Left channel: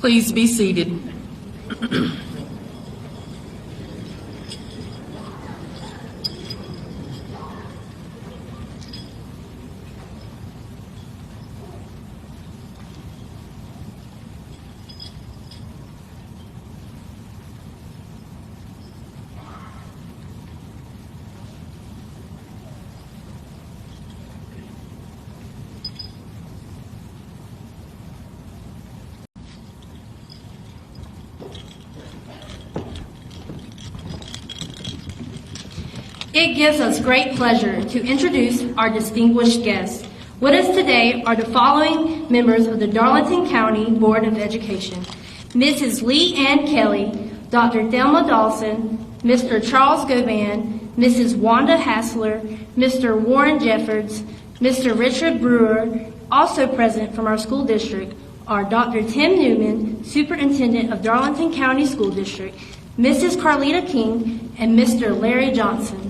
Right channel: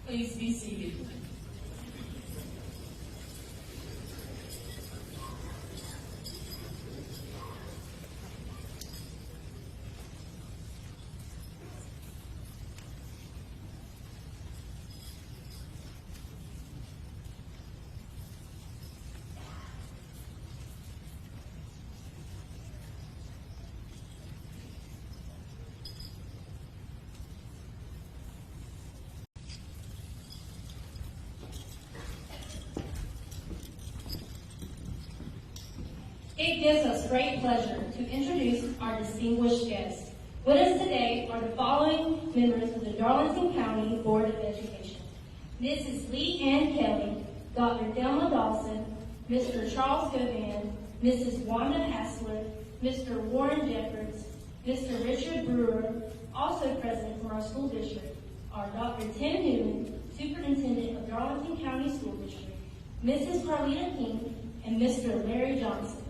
Please be seated. It gives us great pleasure to introduce our distinguished guests. With us today are the following members of the Darlington County Board of Education: Mrs. Lee Ann Kelly, Dr. Thelma Dawson, Mr. Charles Govan, Mrs. Wanda Hassler, Mr. Warren Jeffords, Mr. Richard Brewer. Also present from our school district are Dr. Tim Newman, Superintendent of Darlington County School District, Mrs. Carlita King, and Mr. Larry Johnson.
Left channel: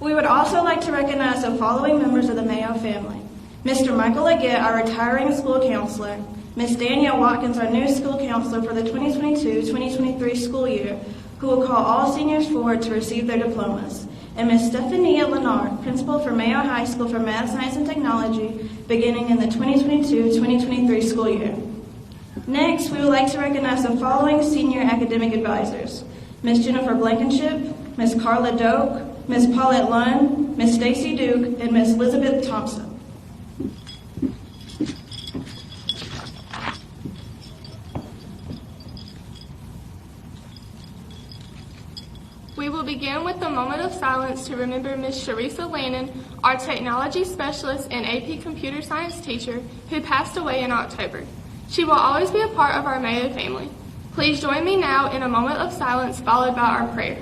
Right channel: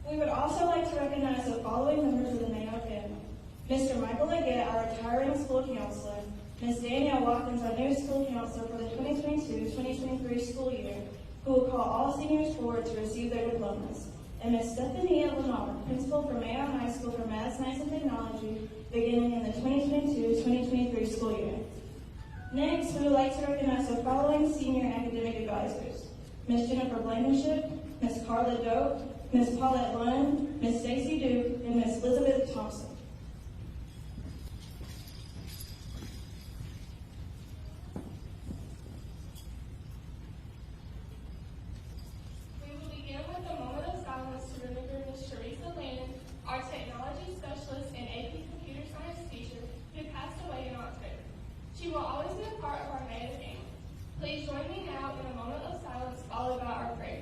We would also like to recognize the following members of the Mayo family: Mr. Michael Leggett, our retiring school counselor, Ms. Danielle Watkins, our new school counselor for the 2022-2023 school year, who will call all seniors forward to receive their diplomas, and Ms. Stephania Lennard, principal for Mayo High School for Math, Science, and Technology, beginning in the 2022-2023 school year. Next, we would like to recognize the following senior academic advisors: Ms. Jennifer Blankenship, Ms. Carla Doak, Ms. Paulette Lund, Ms. Stacy Duke, and Ms. Elizabeth Thompson. We will begin with a moment of silence to remember Ms. Sharisa Lannon, our technology specialist and AP computer science teacher, who passed away in October. She will always be a part of our Mayo family. Please join me now in a moment of silence followed by our prayer.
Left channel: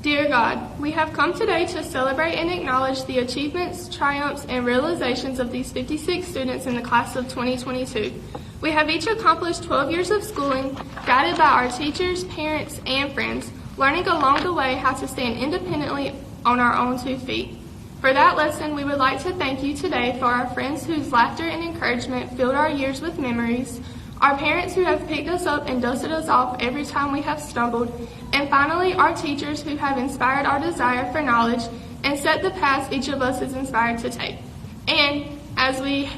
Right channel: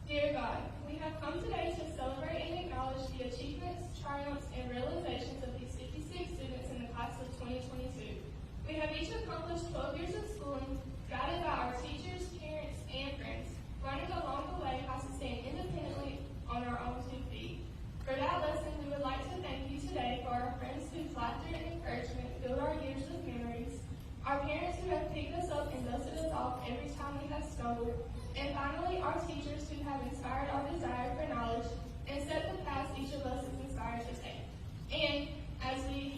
Dear God, we have come today to celebrate and acknowledge the achievements, triumphs, and realizations of these 56 students in the class of 2022. We have each accomplished 12 years of schooling, guided by our teachers, parents, and friends, learning along the way how to stand independently on our own 2 feet. For that lesson, we would like to thank you today for our friends whose laughter and encouragement filled our years with memories, our parents who have picked us up and dusted us off every time we have stumbled, and finally, our teachers who have inspired our desire for knowledge and set the paths each of us is inspired to take. And as we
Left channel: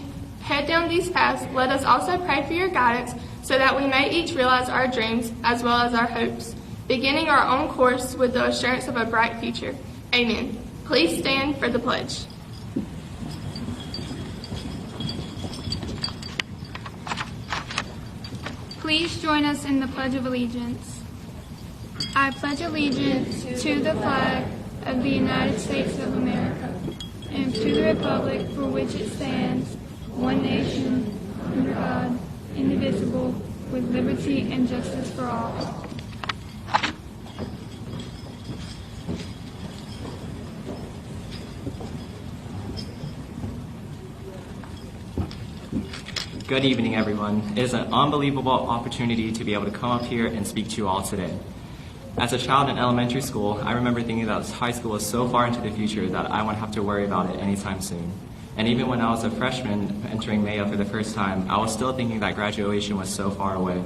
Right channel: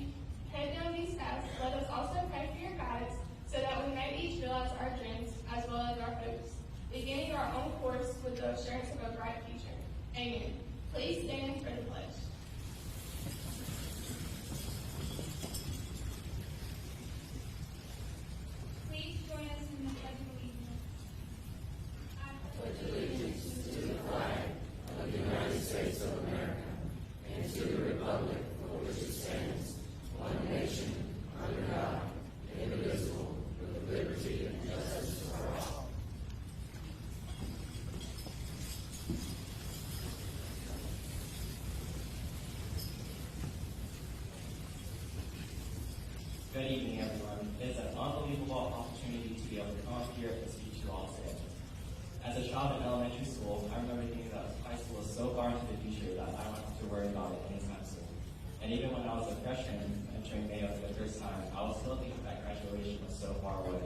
head down these paths, let us also pray for your guidance so that we may each realize our dreams as well as our hopes, beginning our own course with the assurance of a bright future. Amen. Please stand for the pledge. Please join us in the Pledge of Allegiance. I pledge allegiance to the flag of the United States of America and to the republic for which it stands, one nation, under God, indivisible, with liberty and justice for all. Good evening, everyone. It is an unbelievable opportunity to be able to come up here and speak to you all today. As a child in elementary school, I remember thinking that high school is so far into the future that I wouldn't have to worry about it anytime soon. And even when I was a freshman entering Mayo for the first time, I was still thinking that graduation was so far away.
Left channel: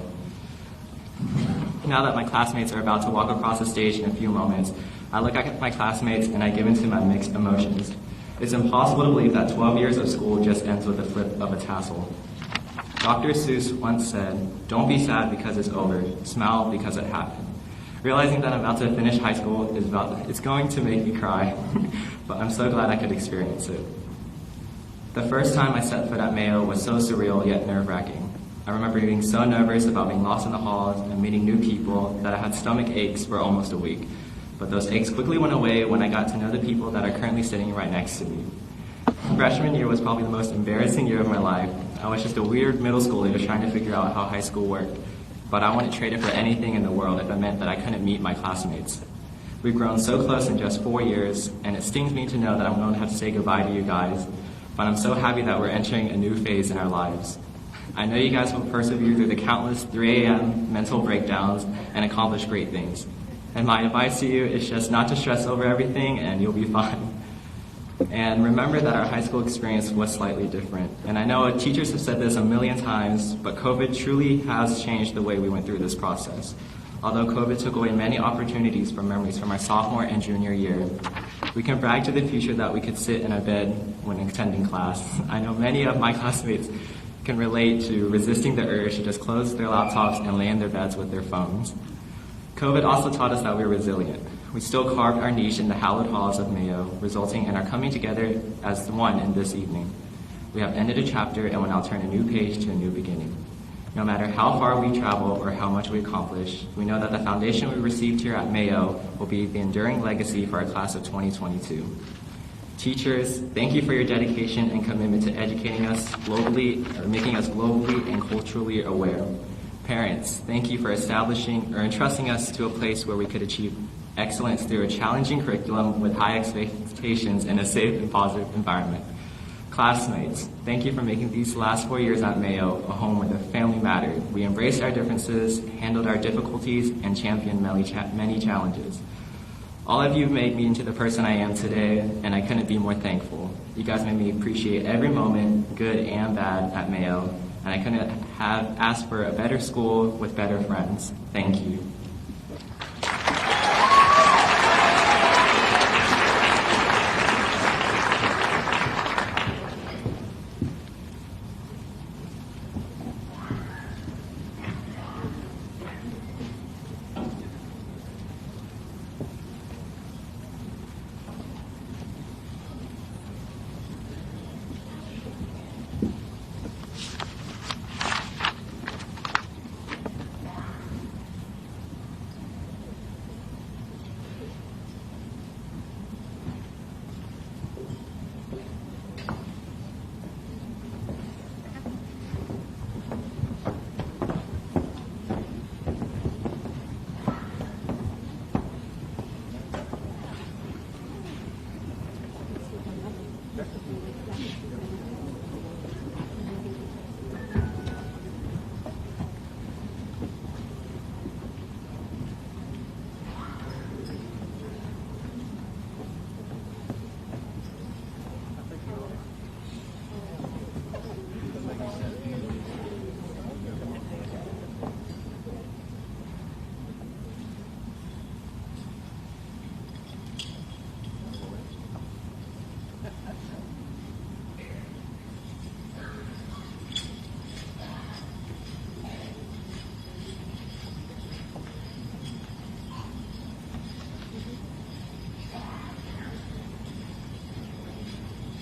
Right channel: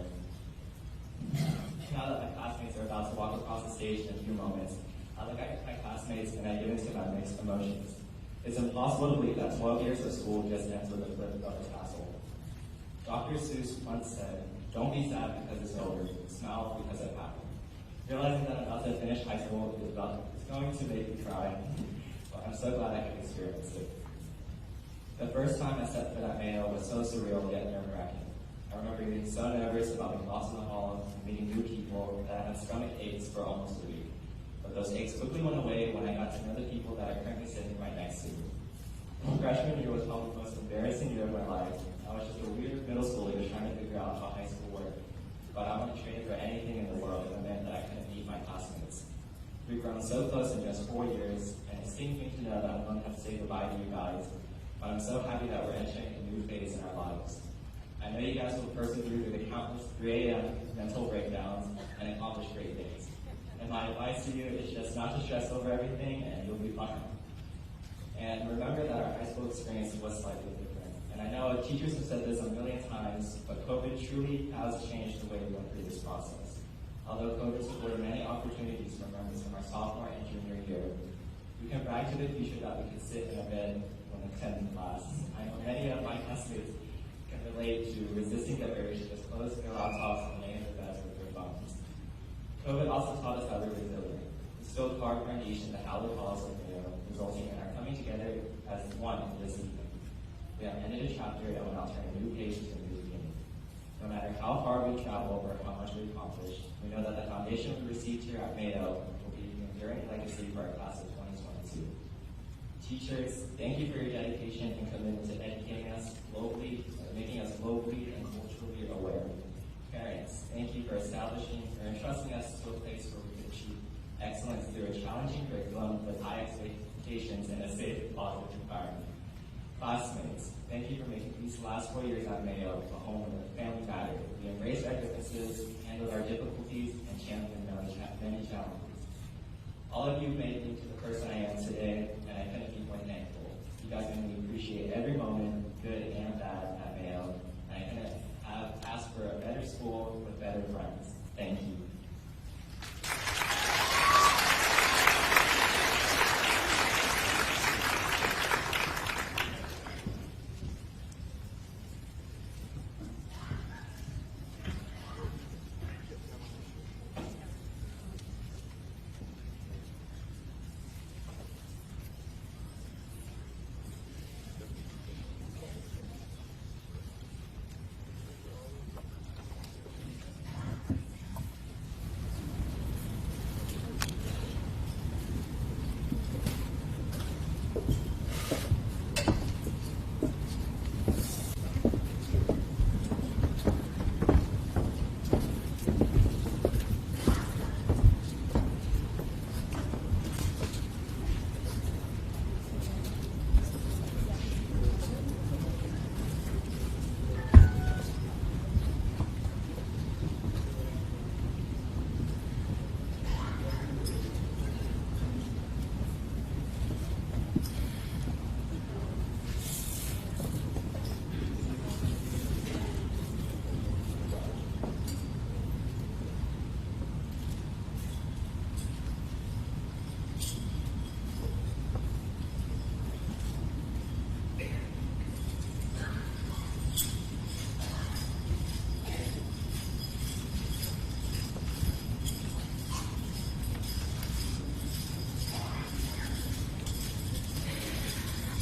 Now that my classmates are about to walk across the stage in a few moments, I look at my classmates and I give into my mixed emotions. It's impossible to believe that 12 years of school just ends with the flip of a tassel. Dr. Seuss once said, "Don't be sad because it's over, smile because it happened." Realizing that I'm about to finish high school it's going to make me cry, but I'm so glad I could experience it. The first time I set foot at Mayo was so surreal yet nerve-wracking. I remember being so nervous about being lost in the halls and meeting new people that I had stomach aches for almost a week. But those aches quickly went away when I got to know the people that are currently sitting right next to me. Freshman year was probably the most embarrassing year of my life. I was just a weird middle schooler just trying to figure out how high school worked. But I wouldn't trade it for anything in the world if it meant that I couldn't meet my classmates. We've grown so close in just 4 years, and it stings me to know that I'm going to have to say goodbye to you guys. But I'm so happy that we're entering a new phase in our lives. I know you guys will persevere through the countless 3 a.m. mental breakdowns and accomplish great things. And my advice to you is just not to stress over everything and you'll be fine. And remember that our high school experience was slightly different. And I know teachers have said this a million times, but COVID truly has changed the way we went through this process. Although COVID took away many opportunities from memories from our sophomore and junior year, we can brag to the future that we could sit in a bed when attending class. I know many of my classmates can relate to resisting the urge to just close their laptops and lay in their beds with their phones. COVID also taught us that we're resilient. We still carved our niche in the hallowed halls of Mayo, resulting in our coming together as one in this evening. We have ended a chapter and will now turn a new page to a new beginning. No matter how far we travel or how much we accomplish, we know that the foundation we received here at Mayo will be the enduring legacy for our class of 2022. Teachers, thank you for your dedication and commitment to educating us globally, or making us globally and culturally aware. Parents, thank you for establishing or entrusting us to a place where we could achieve excellence through a challenging curriculum with high expectations in a safe and positive environment. Classmates, thank you for making these last 4 years at Mayo a home where the family mattered. We embraced our differences, handled our difficulties, and championed many challenges. All of you made me into the person I am today, and I couldn't be more thankful. You guys made me appreciate every moment, good and bad, at Mayo, and I couldn't have asked for a better school with better friends. Thank you.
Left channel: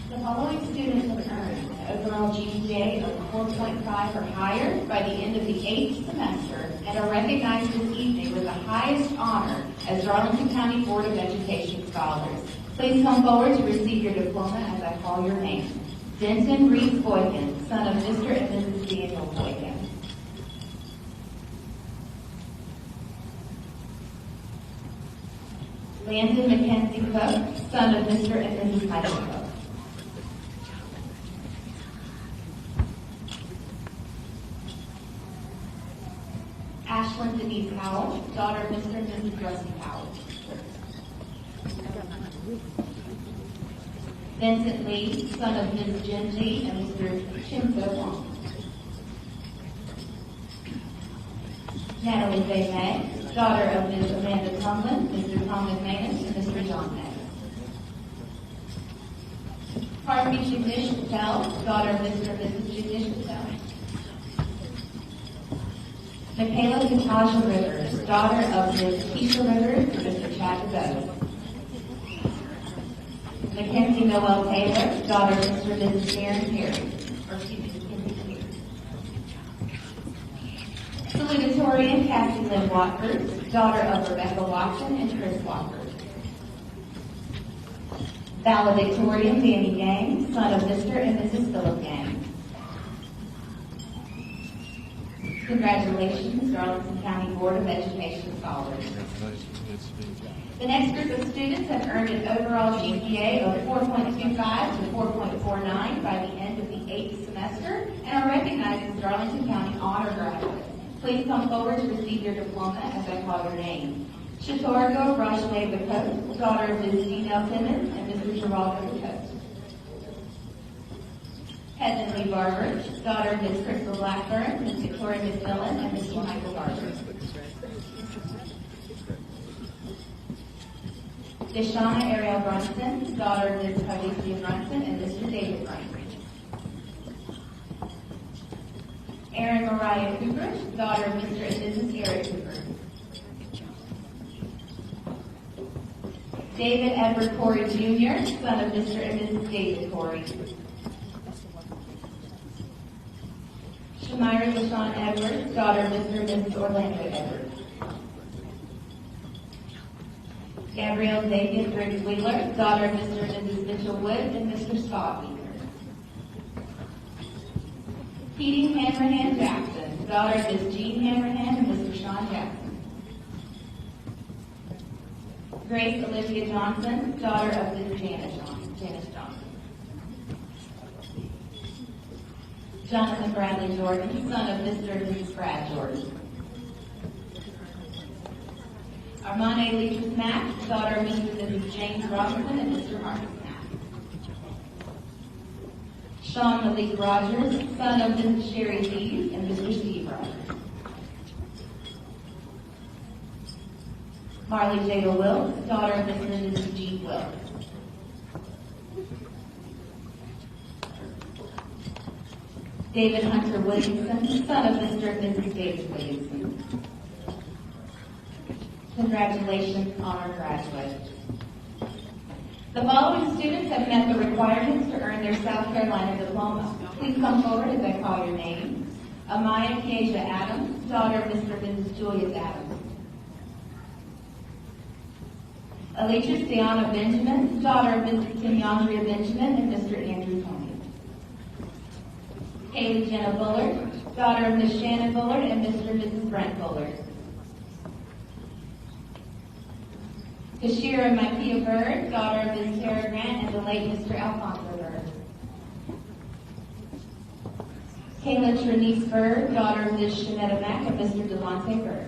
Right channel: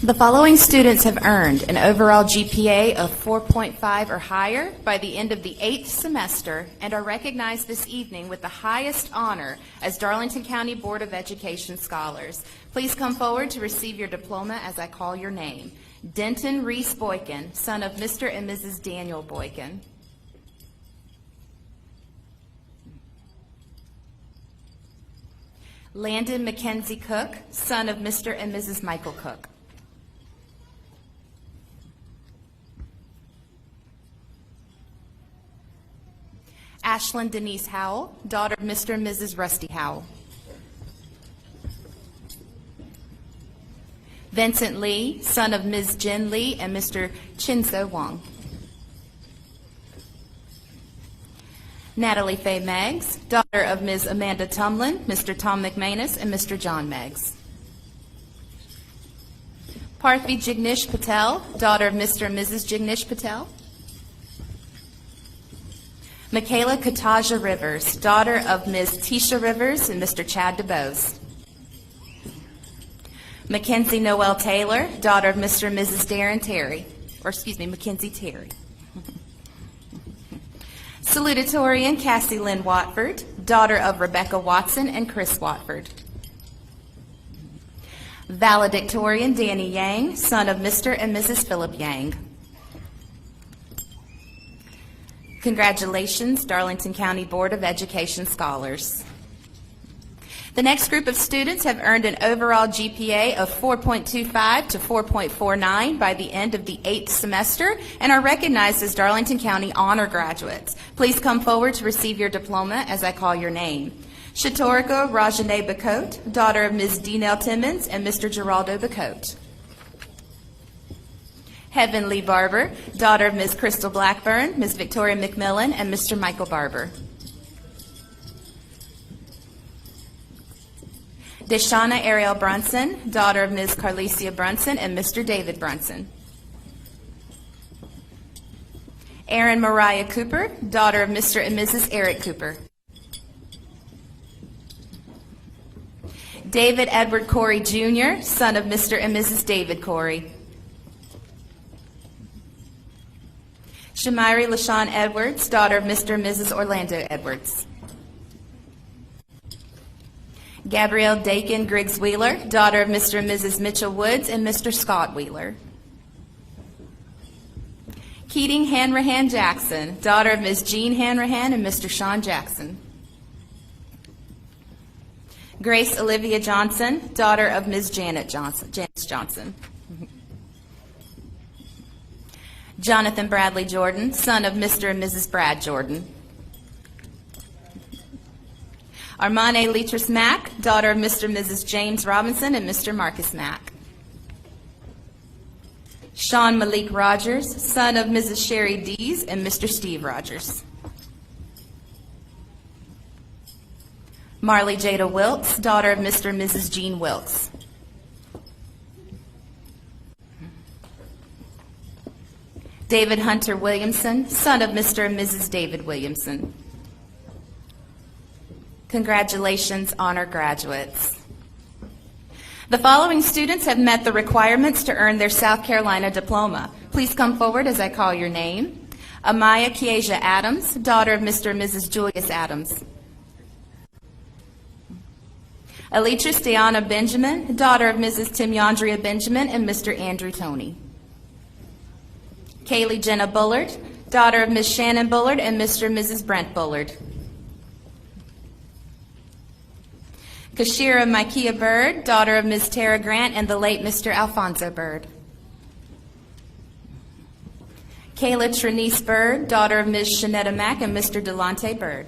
The following students have earned an overall GPA of 4.5 or higher by the end of the 8th semester and are recognized this evening with the highest honor as Darlington County Board of Education Scholars. Please come forward to receive your diploma as I call your name. Denton Reese Boykin, son of Mr. and Mrs. Daniel Boykin. Landon Mackenzie Cook, son of Mr. and Mrs. Michael Cook. Ashlyn Denise Howell, daughter of Mr. and Mrs. Rusty Howell. Vincent Lee, son of Ms. Jen Lee and Mr. Chin-So Wong. Natalie Faye Meggs, daughter of Ms. Amanda Tumlin, Mr. Tom McManus, and Mr. John Meggs. Parthy Jignesh Patel, daughter of Mr. and Mrs. Jignesh Patel. Michaela Kataja Rivers, daughter of Ms. Tisha Rivers and Mr. Chad DeBose. Mackenzie Noel Taylor, daughter of Mr. and Mrs. Darren Terry, Mackenzie Terry. Salutatorian Cassie Lynn Watford, daughter of Rebecca Watson and Chris Watford. Valedictorian Danny Yang, son of Mr. and Mrs. Philip Yang. Congratulations, Darlington County Board of Education Scholars. The next group of students have earned an overall GPA of 4.25 to 4.49 by the end of the 8th semester and are recognized as Darlington County Honor Graduates. Please come forward to receive your diploma as I call your name. Shatorika Rajane Bacote, daughter of Ms. Dinell Timmons and Mr. Geraldo Bacote. Heavenly Barber, daughter of Ms. Crystal Blackburn, Ms. Victoria McMillan, and Mr. Michael Barber. Deshauna Ariel Brunson, daughter of Ms. Carlicia Brunson and Mr. David Brunson. Erin Mariah Cooper, daughter of Mr. and Mrs. Eric Cooper. David Edward Corey Jr., son of Mr. and Mrs. David Corey. Shamiri LaShawn Edwards, daughter of Mr. and Mrs. Orlando Edwards. Gabrielle Dakin Griggs Wheeler, daughter of Mr. and Mrs. Mitchell Woods and Mr. Scott Wheeler. Keating Hanrahan Jackson, daughter of Ms. Jean Hanrahan and Mr. Sean Jackson. Grace Olivia Johnson, daughter of Ms. Janice Johnson. Jonathan Bradley Jordan, son of Mr. and Mrs. Brad Jordan. Armane Leatrice Mack, daughter of Mr. and Mrs. James Robinson and Mr. Marcus Mack. Sean Malik Rogers, son of Mrs. Sherry Dees and Mr. Steve Rogers. Marley Jada Wilkes, daughter of Mr. and Mrs. Jean Wilkes. David Hunter Williamson, son of Mr. and Mrs. David Williamson. Congratulations, honor graduates. The following students have met the requirements to earn their South Carolina diploma. Please come forward as I call your name. Amaya Kiesia Adams, daughter of Mr. and Mrs. Julius Adams. Alitris Deanna Benjamin, daughter of Mrs. Timyandria Benjamin and Mr. Andrew Toney. Kaylee Jenna Bullard, daughter of Ms. Shannon Bullard and Mr. and Mrs. Brent Bullard. Kashira Micaiah Bird, daughter of Ms. Tara Grant and the late Mr. Alfonso Bird. Kayla Trinice Bird, daughter of Ms. Shanetta Mack and Mr. Delonte Bird.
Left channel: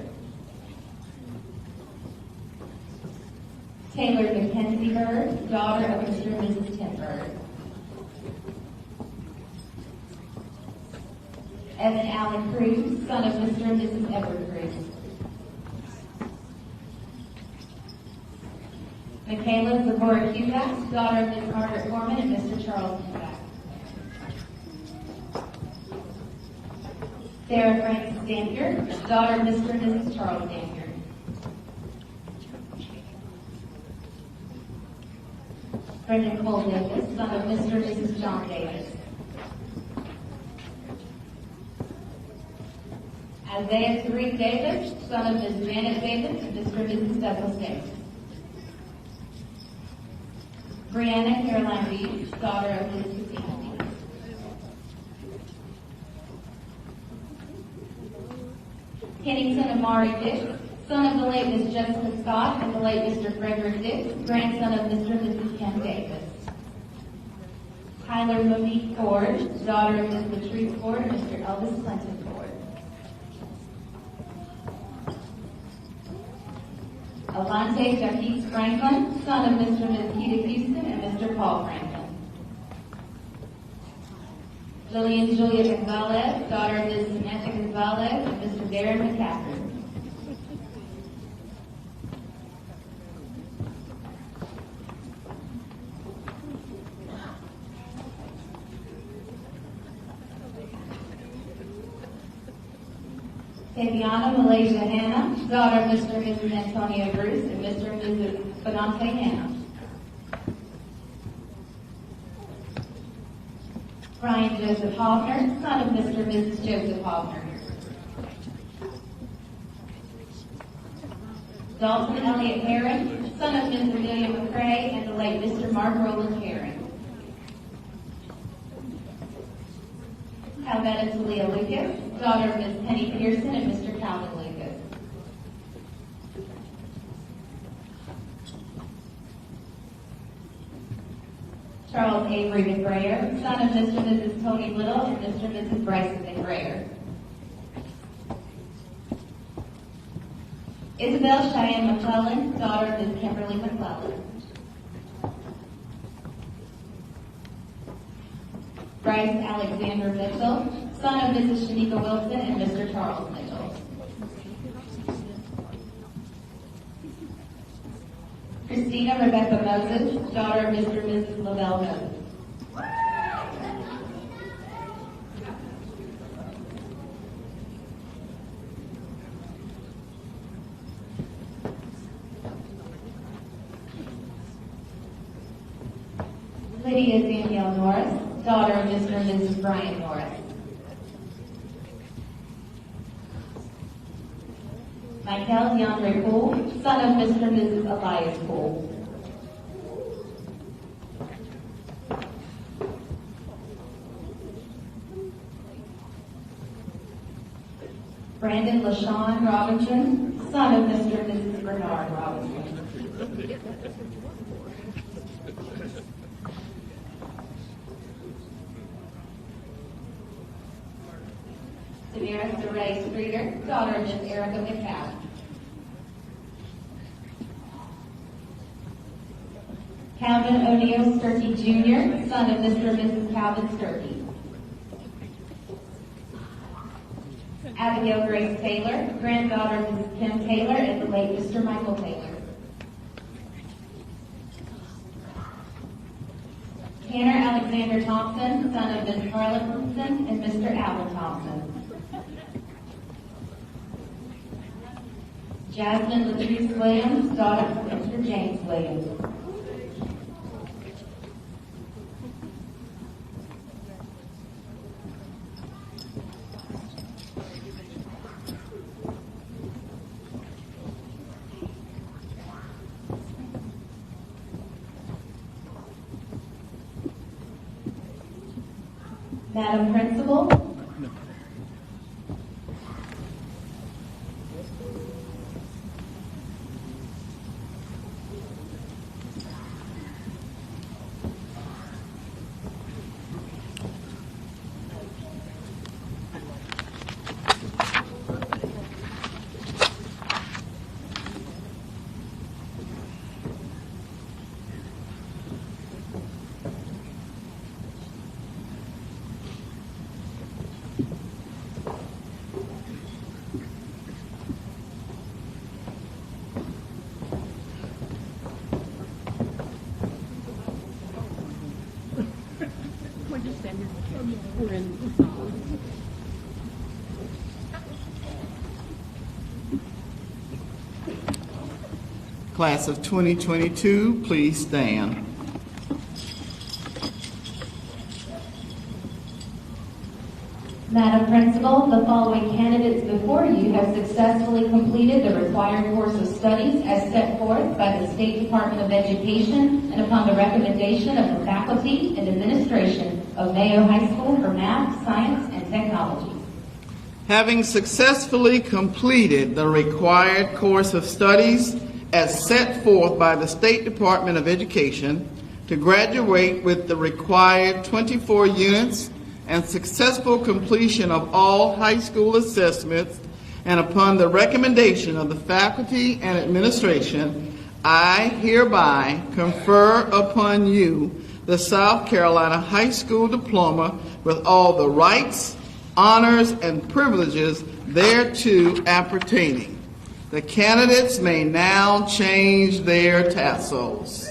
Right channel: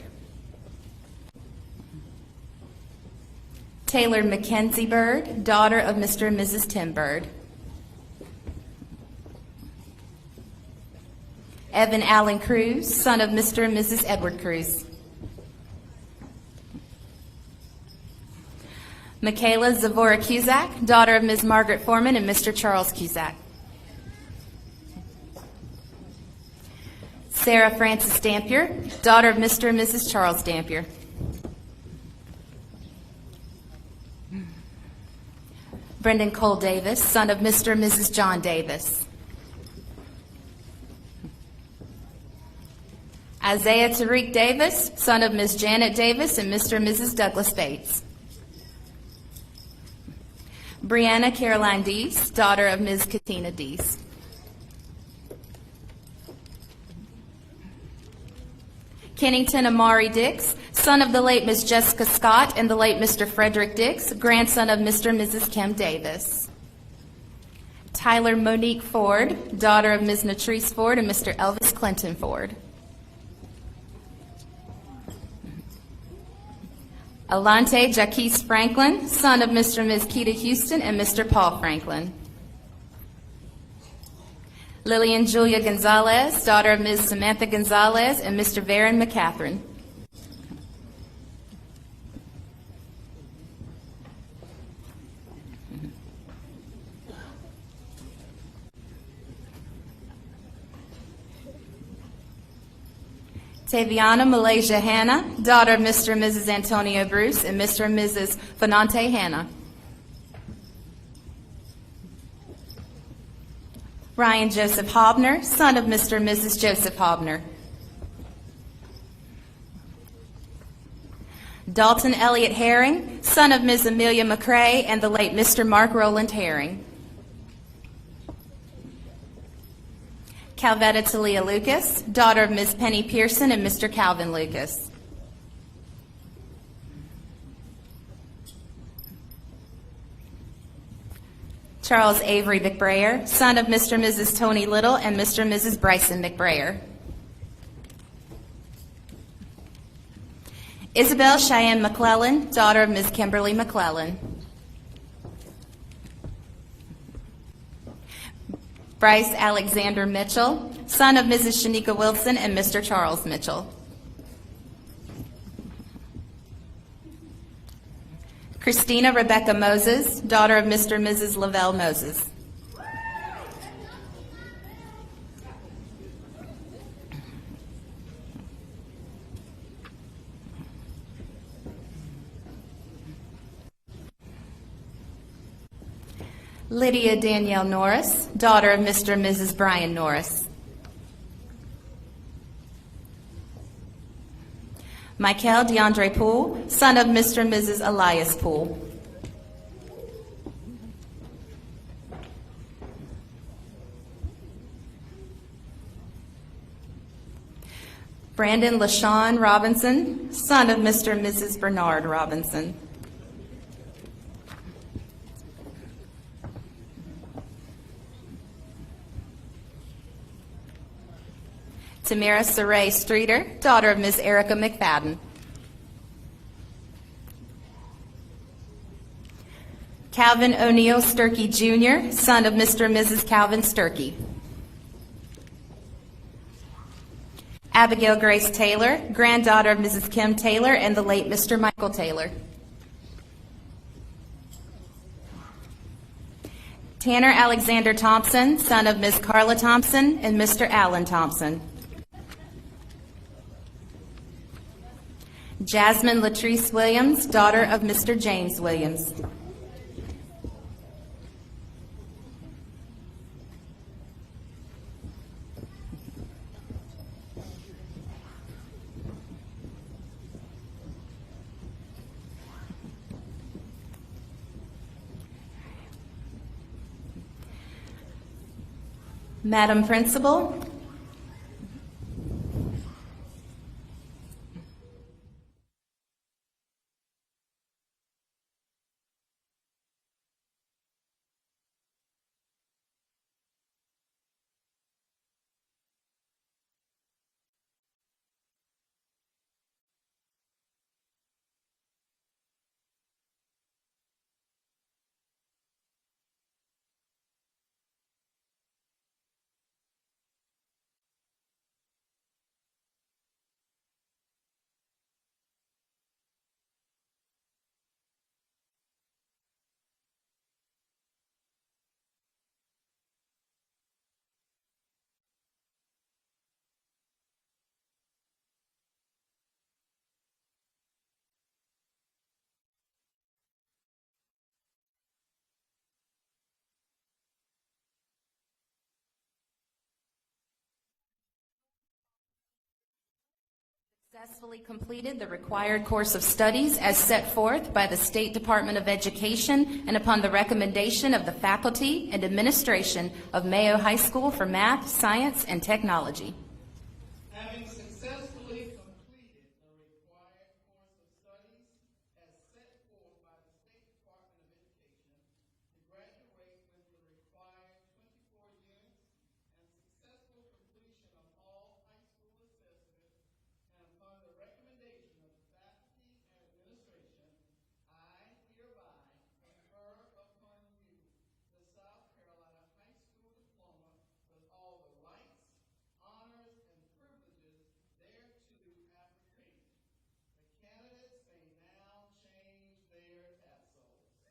Taylor Mackenzie Bird, daughter of Mr. and Mrs. Tim Bird. Evan Allen Cruz, son of Mr. and Mrs. Edward Cruz. Michaela Zavora Cusack, daughter of Ms. Margaret Foreman and Mr. Charles Cusack. Sarah Frances Dampier, daughter of Mr. and Mrs. Charles Dampier. Brendan Cole Davis, son of Mr. and Mrs. John Davis. Isaiah Tariq Davis, son of Ms. Janet Davis and Mr. and Mrs. Douglas Bates. Brianna Caroline Dees, daughter of Ms. Kathina Dees. Kennington Amari Dix, son of the late Miss Jessica Scott and the late Mr. Frederick Dix, grandson of Mr. and Mrs. Kim Davis. Tyler Monique Ford, daughter of Ms. Natrice Ford and Mr. Elvis Clinton Ford. Alante Jaquise Franklin, son of Mr. and Ms. Keita Houston and Mr. Paul Franklin. Lillian Julia Gonzalez, daughter of Ms. Samantha Gonzalez and Mr. Varon McCatherine. Taviana Malaysia Hanna, daughter of Mr. and Mrs. Antonio Bruce and Mr. and Mrs. Fanante Hanna. Ryan Joseph Hobner, son of Mr. and Mrs. Joseph Hobner. Dalton Elliott Herring, son of Ms. Amelia McCrae and the late Mr. Mark Rowland Herring. Calvetta Talia Lucas, daughter of Ms. Penny Pearson and Mr. Calvin Lucas. Charles Avery McBrayer, son of Mr. and Mrs. Tony Little and Mr. and Mrs. Bryson McBrayer. Isabel Cheyenne McClellan, daughter of Ms. Kimberly McClellan. Bryce Alexander Mitchell, son of Mrs. Shanika Wilson and Mr. Charles Mitchell. Christina Rebecca Moses, daughter of Mr. and Mrs. Lavelle Moses. Lydia Danielle Norris, daughter of Mr. and Mrs. Brian Norris. Michael DeAndre Poole, son of Mr. and Mrs. Elias Poole. Brandon LaShawn Robinson, son of Mr. and Mrs. Bernard Robinson. Tamara Saray Streeter, daughter of Ms. Erica McFadden. Calvin O'Neill Sturkey Jr., son of Mr. and Mrs. Calvin Sturkey. Abigail Grace Taylor, granddaughter of Mrs. Kim Taylor and the late Mr. Michael Taylor. Tanner Alexander Thompson, son of Ms. Carla Thompson and Mr. Alan Thompson. Jasmine Latrice Williams, daughter of Mr. James Williams. Madam Principal, Class of 2022, please stand. Madam Principal, the following candidates before you have successfully completed the required course of studies as set forth by the State Department of Education and upon the recommendation of the faculty and administration of Mayo High School for Math, Science, and Technology. Having successfully completed the required course of studies as set forth by the State Department of Education to graduate with the required 24 units and successful completion of all high school assessments, and upon the recommendation of the faculty and administration, I hereby confer upon you the South Carolina High School Diploma with all the rights, honors, and privileges thereto appertaining. The candidates may now change their tassels.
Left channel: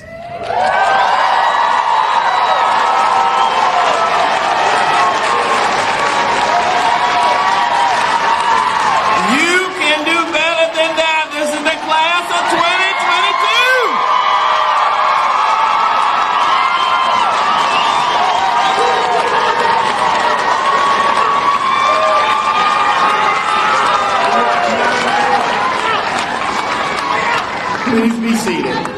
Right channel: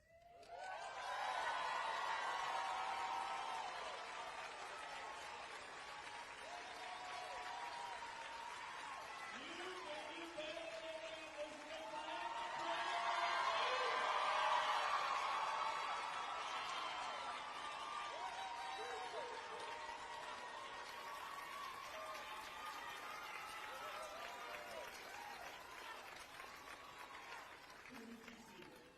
Please be seated.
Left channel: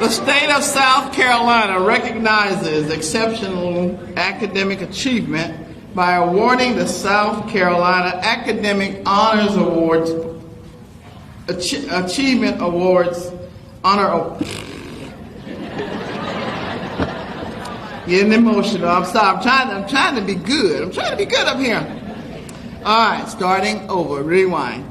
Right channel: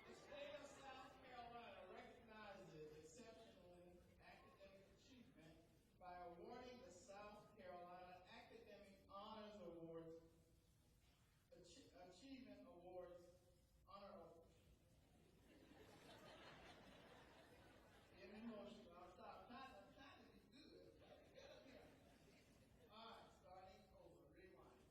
The state of South Carolina recognizes exceptional academic achievement by awarding the South Carolina Academic Honors Awards, Achievement Awards, Getting emotional. I'm sorry. I'm trying to be good. I'm trying to be good up here. All right, starting over. Rewind.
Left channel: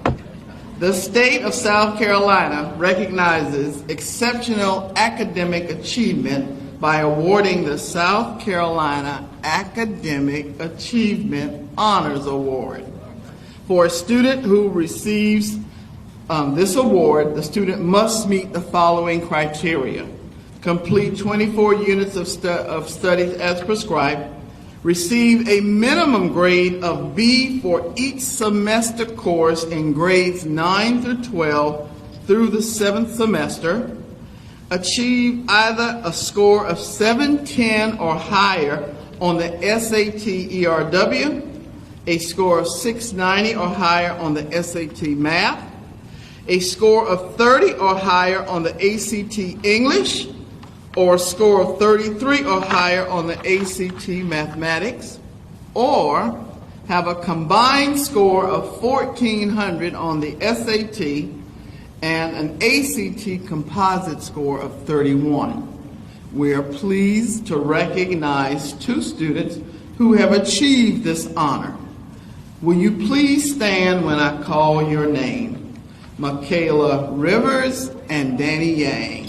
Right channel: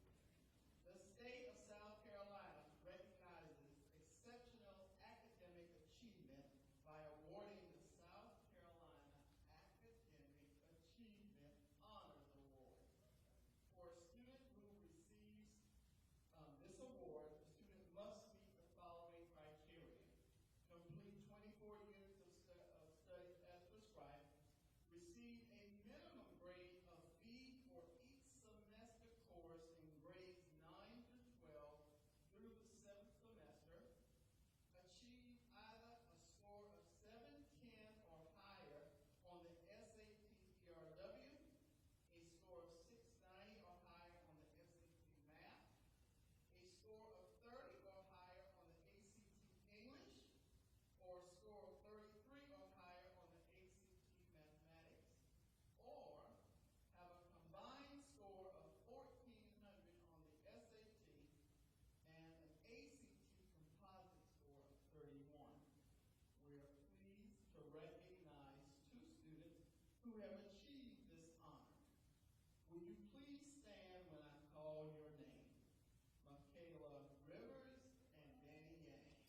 The state of South Carolina recognizes exceptional academic achievement by awarding the South Carolina Academic Achievement Honors Award. For a student who receives this award, the student must meet the following criteria: complete 24 units of studies as prescribed, receive a minimum grade of B for each semester course in grades 9 through 12 through the 7th semester, achieve either a score of 710 or higher on the SAT ERW, a score of 690 or higher on the SAT Math, a score of 30 or higher on the ACT English, or a score of 33 or higher on the ACT Mathematics, or have a combined score of 1,400 on the SAT and an ACT composite score of 31. We are pleased to recognize 2 students who have achieved this honor. Will you please stand when I call your name? Michaela Rivers and Danny Yang.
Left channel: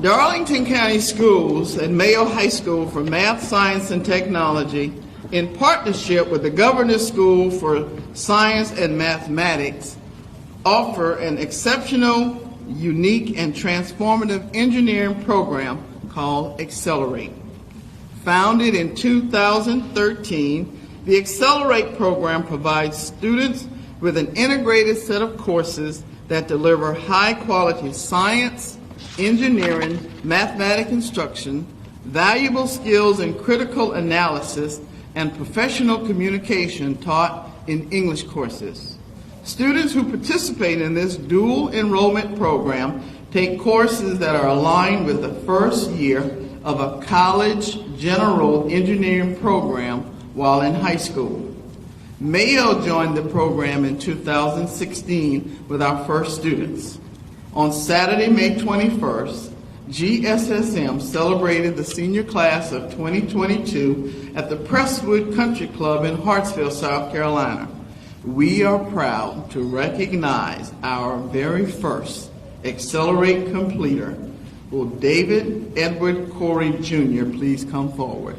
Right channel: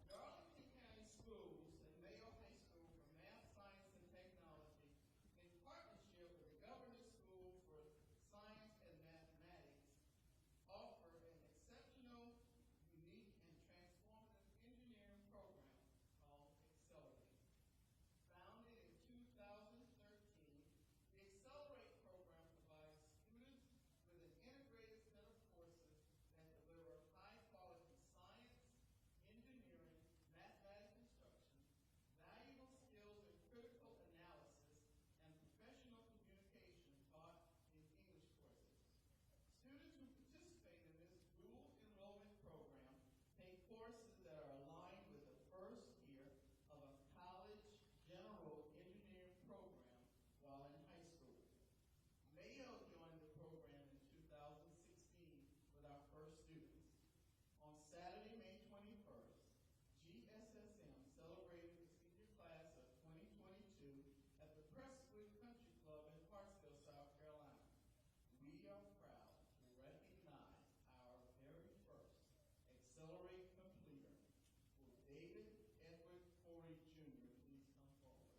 Darlington County Schools and Mayo High School for Math, Science, and Technology, in partnership with the Governor's School for Science and Mathematics, offer an exceptional, unique, and transformative engineering program called Accelerate. Founded in 2013, the Accelerate program provides students with an integrated set of courses that deliver high-quality science, engineering, mathematics instruction, valuable skills in critical analysis, and professional communication taught in English courses. Students who participate in this dual enrollment program take courses that are aligned with the first year of a college general engineering program while in high school. Mayo joined the program in 2016 with our first students. On Saturday, May 21st, GSSM celebrated the senior class of 2022 at the Presswood Country Club in Hartsville, South Carolina. We are proud to recognize our very first Accelerate completer. Will David Edward Corey Jr. please come forward?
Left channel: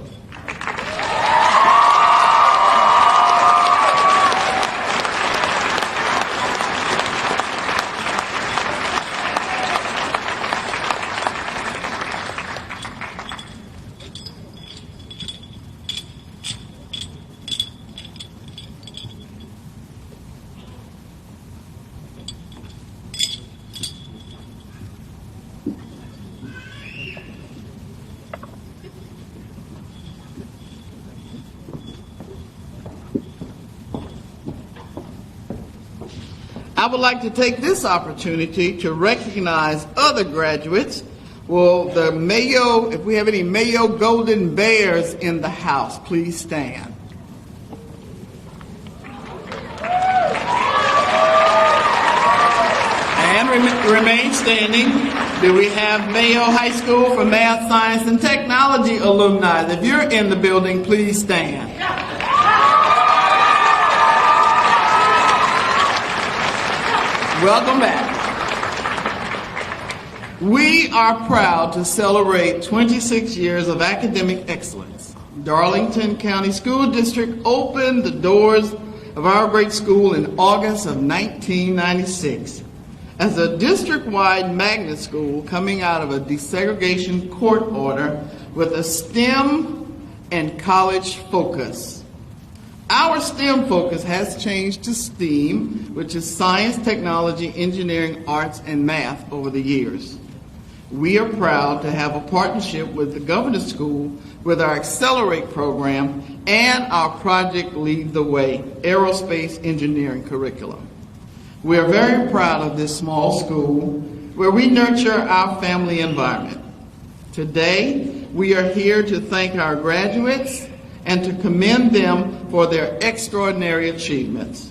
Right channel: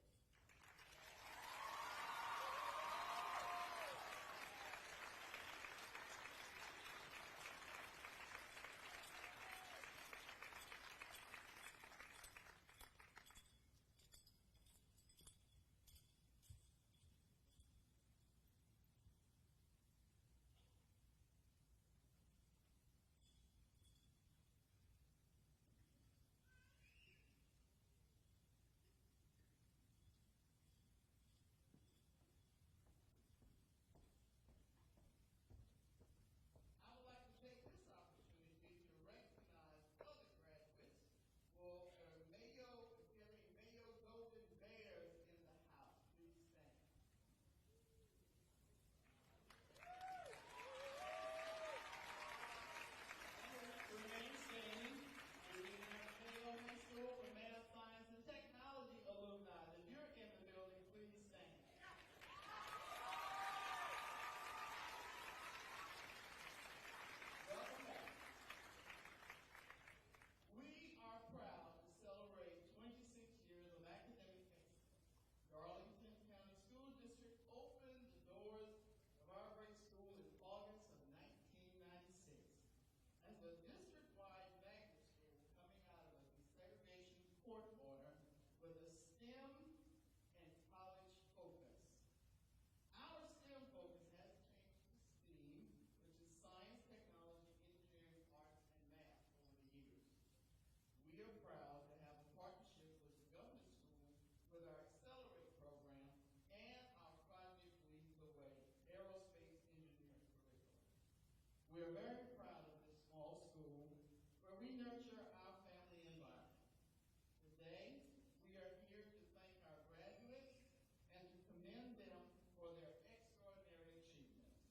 I would like to take this opportunity to recognize other graduates. Will the Mayo, if we have any Mayo Golden Bears in the house, please stand. And remain standing. Do we have Mayo High School for Math, Science, and Technology alumni? If you're in the building, please stand. Welcome back. We are proud to celebrate 26 years of academic excellence. Darlington County School District opened the doors of our great school in August of 1996 as a district-wide magnet school coming out of a desegregation court order with a STEM and college focus. Our STEM focus has changed to STEAM, which is science, technology, engineering, arts, and math over the years. We are proud to have a partnership with the Governor's School with our Accelerate program and our Project Lead the Way aerospace engineering curriculum. We are very proud of this small school where we nurture our family environment. Today, we are here to thank our graduates and to commend them for their extraordinary achievements.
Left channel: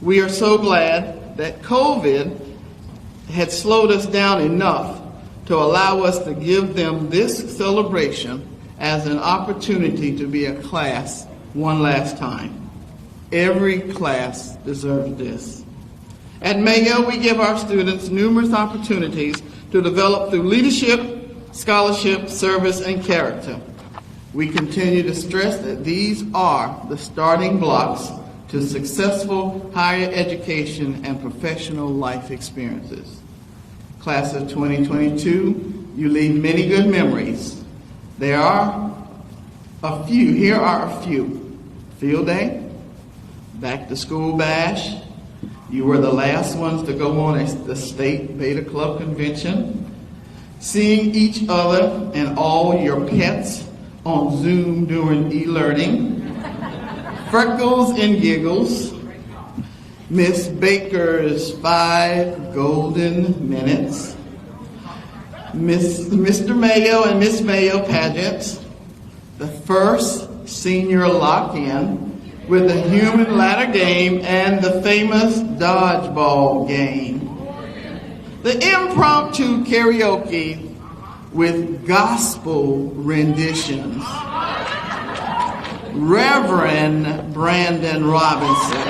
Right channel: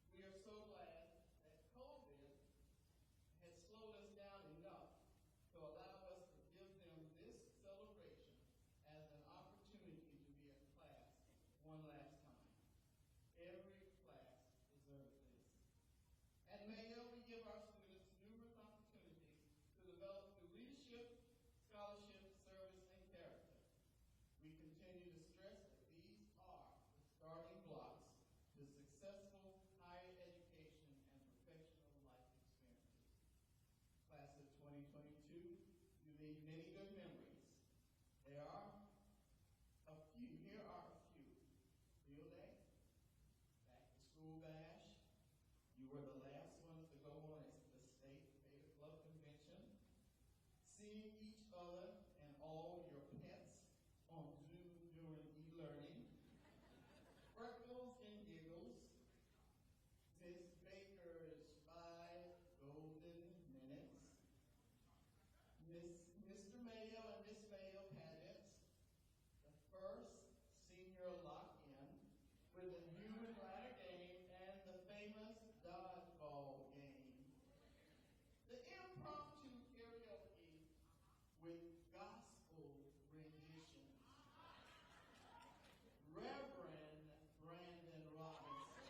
We are so glad that COVID had slowed us down enough to allow us to give them this celebration as an opportunity to be a class one last time. Every class deserves this. At Mayo, we give our students numerous opportunities to develop through leadership, scholarship, service, and character. We continue to stress that these are the starting blocks to successful higher education and professional life experiences. Class of 2022, you leave many good memories. There are a few. Here are a few. Field day, back to school bash. You were the last ones to go on the state Beta Club convention. Seeing each other and all your pets on Zoom during e-learning. Freckles and giggles. Miss Baker's 5 golden minutes. Mr. Mayo and Miss Mayo pageants. The first senior lock-in with the human ladder game and the famous dodgeball game. The impromptu karaoke with gospel renditions. Reverend Brandon Robinson.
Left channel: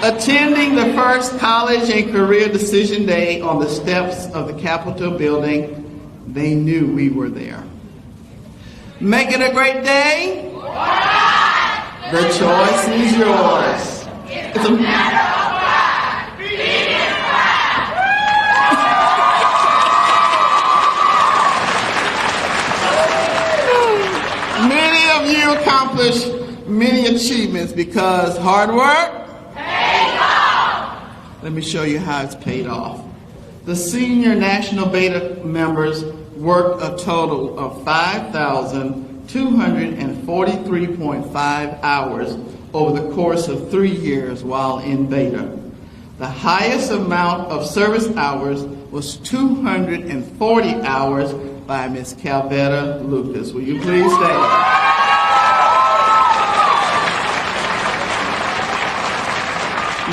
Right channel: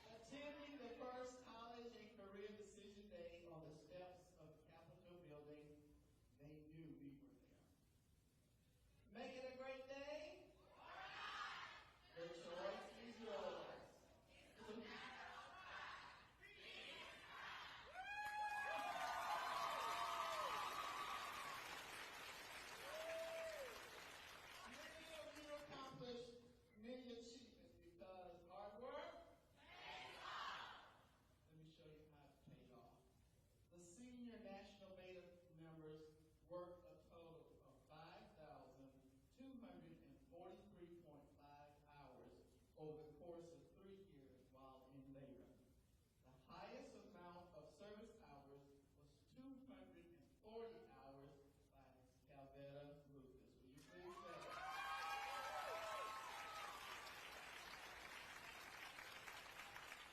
Attending the first college and career decision day on the steps of the Capitol building, they knew we were there. Make it a great day. The choice is yours. It's a matter of pride. Many of you accomplished many achievements because hard work pays off. Let me show you how it's paid off. The senior National Beta members worked a total of 5,243.5 hours over the course of 3 years while in Beta. The highest amount of service hours was 240 hours by Ms. Calvetta Lucas. Will you please stand?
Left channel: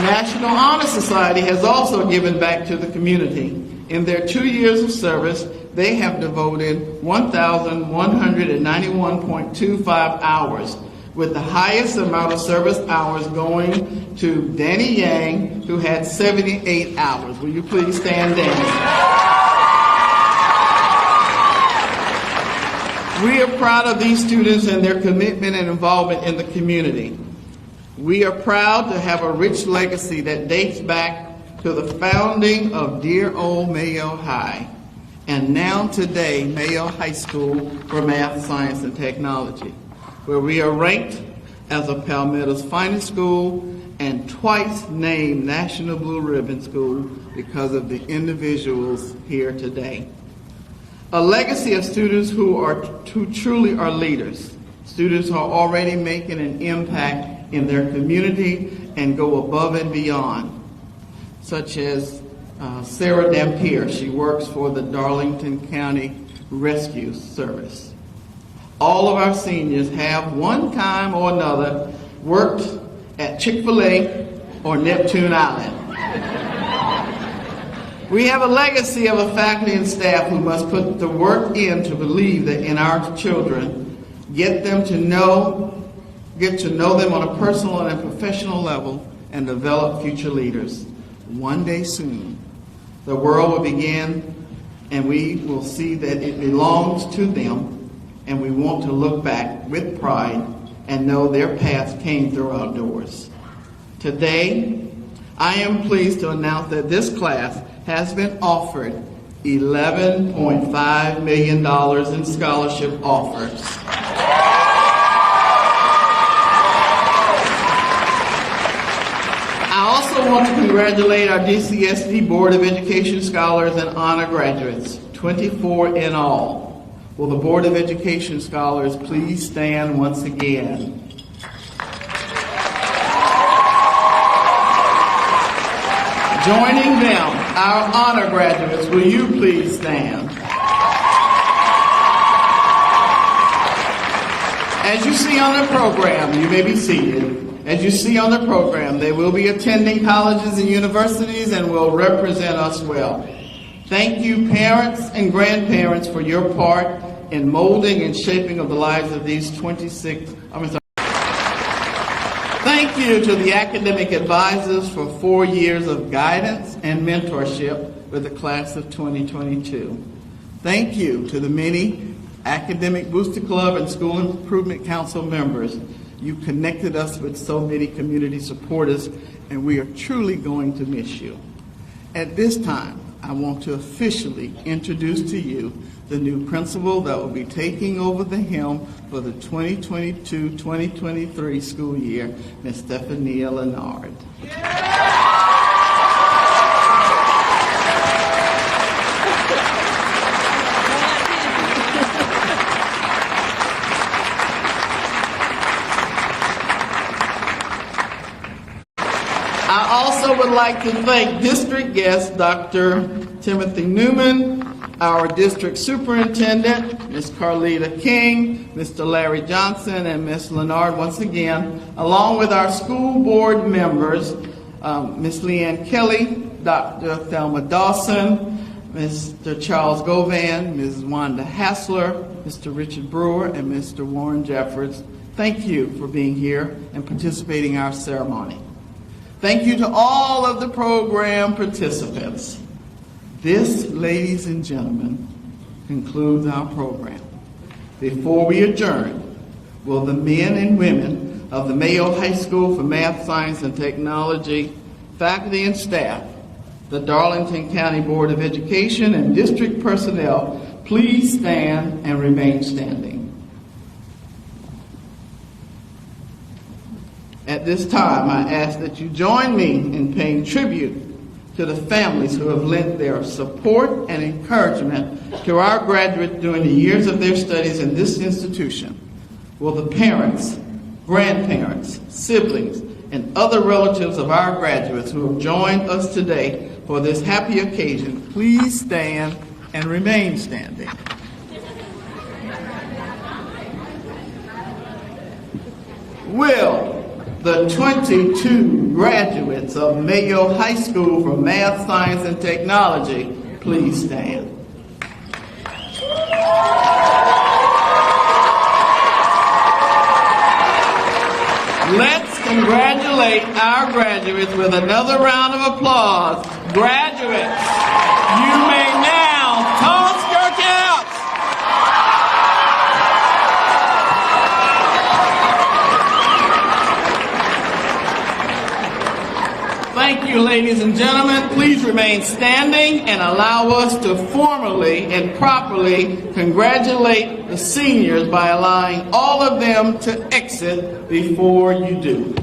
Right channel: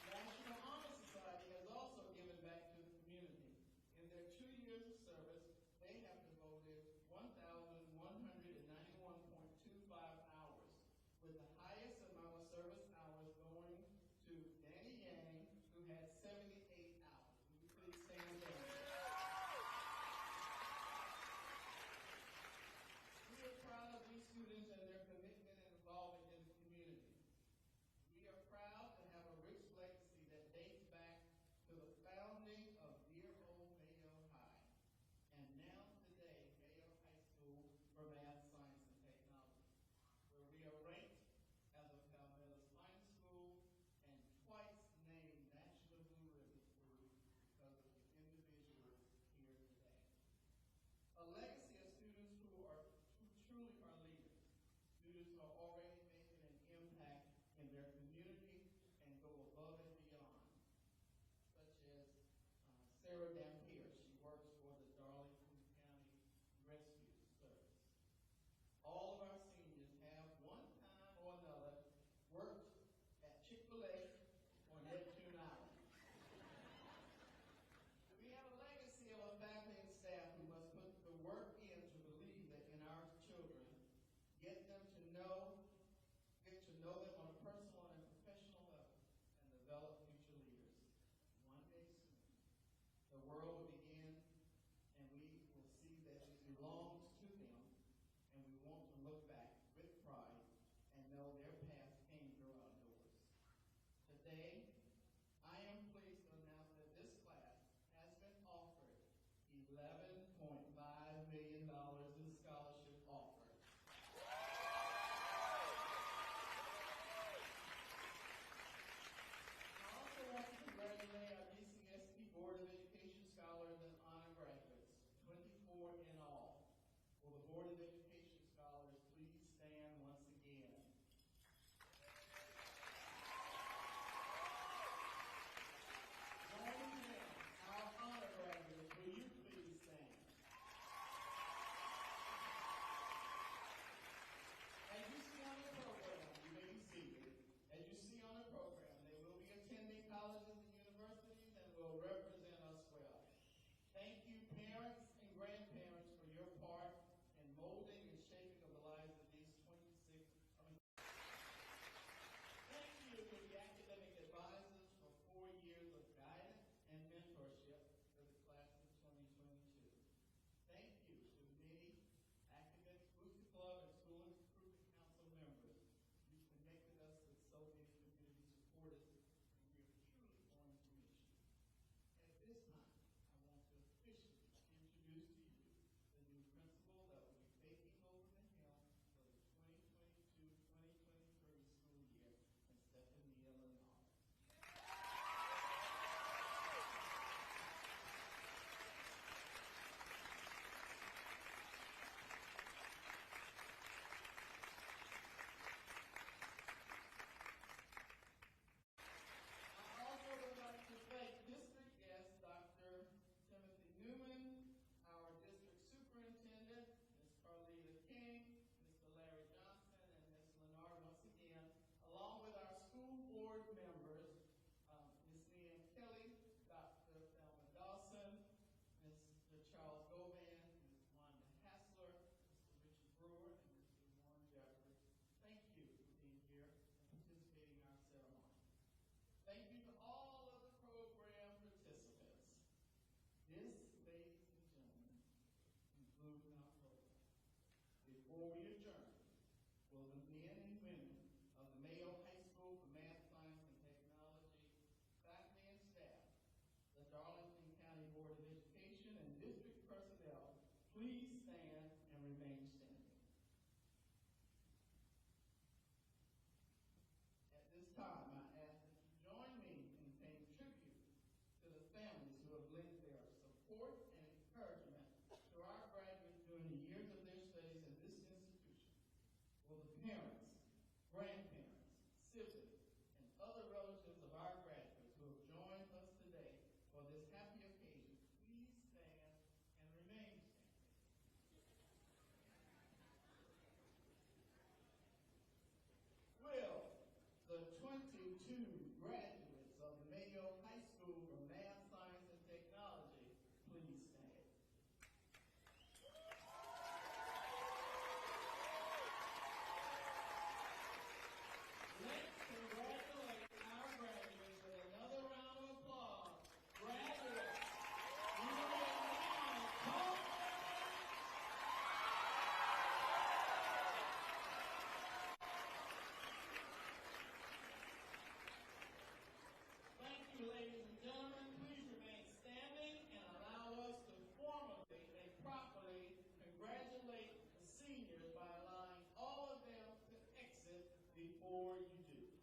National Honor Society has also given back to the community. In their 2 years of service, they have devoted 1,191.25 hours, with the highest amount of service hours going to Danny Yang, who had 78 hours. Will you please stand, Danny? We are proud of these students and their commitment and involvement in the community. We are proud to have a rich legacy that dates back to the founding of dear old Mayo High, and now today Mayo High School for Math, Science, and Technology, where we are ranked as a Palmetto's finest school and twice named National Blue Ribbon School because of the individuals here today. A legacy of students who truly are leaders, students who are already making an impact in their community and go above and beyond, such as Sarah Dampier. She works for the Darlington County Rescue Service. All of our seniors have one time or another worked at Chick-fil-A or Neptune Island. We have a legacy of a faculty and staff who must put the work in to believe that in our children, get to know them on a personal and a professional level, and develop future leaders. One day soon, the world will begin, and we will see that it belongs to them, and we want to look back with pride and know their paths came through our doors. Today, I am pleased to announce that this class has been offered $11.5 million in scholarship offers. I also want to congratulate our DCSD Board of Education Scholars and Honor Graduates, 24 in all. Will the Board of Education Scholars please stand once again? Joining them, our honor graduates, will you please stand? As you see on the program, you may be seated. As you see on the program, they will be attending colleges and universities and will represent us well. Thank you, parents and grandparents, for your part in molding and shaping of the lives of these 26. Thank you to the academic advisors for 4 years of guidance and mentorship with the class of 2022. Thank you to the many Academic Booster Club and School Improvement Council members. You connected us with so many community supporters, and we are truly going to miss you. At this time, I want to officially introduce to you the new principal that will be taking over the helm for the 2022-2023 school year, Ms. Stephanie Leonard. I also would like to thank district guest Dr. Timothy Newman, our district superintendent, Ms. Carlita King, Mr. Larry Johnson, and Ms. Leonard once again, along with our school board members, Ms. Leanne Kelly, Dr. Thelma Dawson, Mr. Charles Govan, Ms. Wanda Hassler, Mr. Richard Brewer, and Mr. Warren Jeffords. Thank you for being here and participating in our ceremony. Thank you to all of the program participants. This, ladies and gentlemen, concludes our program. Before we adjourn, will the men and women of the Mayo High School for Math, Science, and Technology, faculty and staff, the Darlington County Board of Education, and district personnel please stand and remain standing. At this time, I ask that you join me in paying tribute to the families who have lent their support and encouragement to our graduates during the years of their studies in this institution. Will the parents, grandparents, siblings, and other relatives of our graduates who have joined us today for this happy occasion please stand and remain standing? Will the 22 graduates of Mayo High School for Math, Science, and Technology please stand? Let's congratulate our graduates with another round of applause. Graduates, you may now toss your caps. Thank you, ladies and gentlemen. Please remain standing and allow us to formally and properly congratulate the seniors by allowing all of them to exit before you do.